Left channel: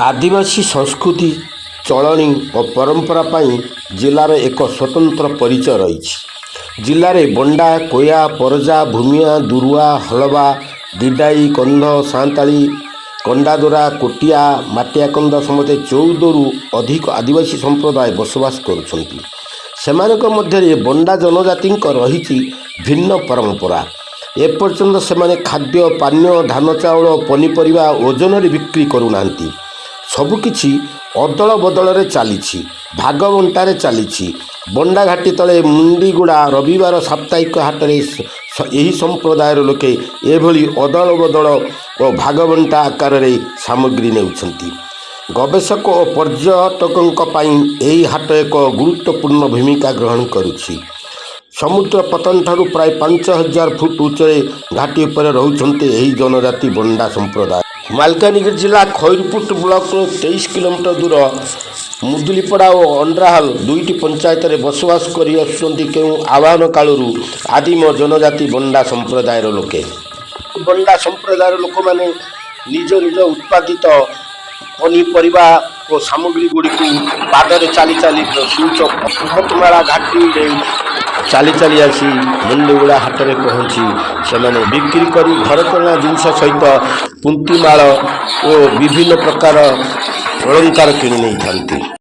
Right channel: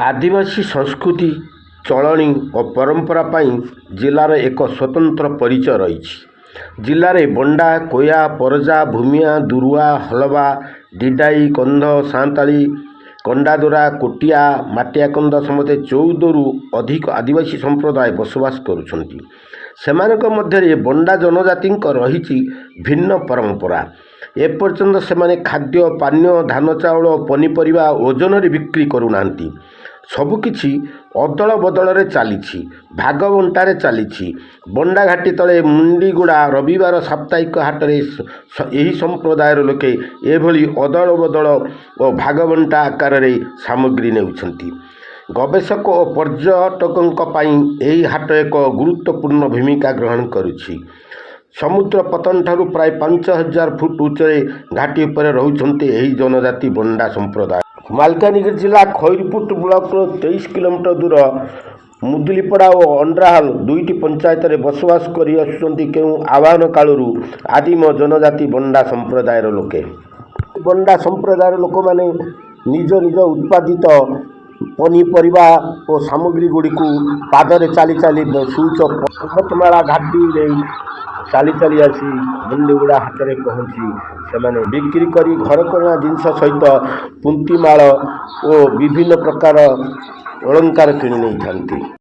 आदिवासी संस्कृति चलणी और परंपरा पाई जिलार एक स्वतंत्र परिचय रही। जिले में बंडा कोया परजा भूमिया दुरुआ हलवा दिडाई कंध सांताली कंडादोरा कोटिया माटियाकंद समस्त 14 रु अधिक आदिवासी संप्रदाय बसवास करुछंती। सेमानक मध्य बंडा जनजाति रही भिन्न परंपरा। एपर्यंत से खाद्य पानीय धान चाउल पनीपरिया ओजन बिक्री करूना। सबकिछि अदल बदल चली भागबंटार चली। बंडा घाटी तले मुंडीगुड़ा रविवार साप्ताहिक हाट में यही संप्रदायर लोके एभली अदल बदल और भागबंटा आकार सामग्री नेउछंती। गवेषक और पर्यटकों यही हाट एक गुरुत्वपूर्ण भूमिका ग्रहण करुछि। समुद्र पतन ठारू प्राय 5000 फुट उच्चरे घाटी पर रहउछंती एही जनजाति बंडा संप्रदाय। मालकानगिरी जिला खैरपुट ब्लॉक 23 किलोमीटर दूर मुदुलीपड़ा और अंड्राहाल दुईटी पंचायत में बसवास कर आह्वान कालू आदिम जनजाति बंडा संप्रदायर लोके। बंडा संप्रदायर लोक मैंने निज निज उत्पादित पनीपरिया और सामग्री गुड़ी पादरे चली चली सूच पर्वतमाला घाटी चली चली आसी मुंडीगुड़ा हाट में पहुँची से बिक्री कर घर चलना जिनस सहित पुंतीमाल और विभिन्न प्रकार अलंकार किणी नहीं था।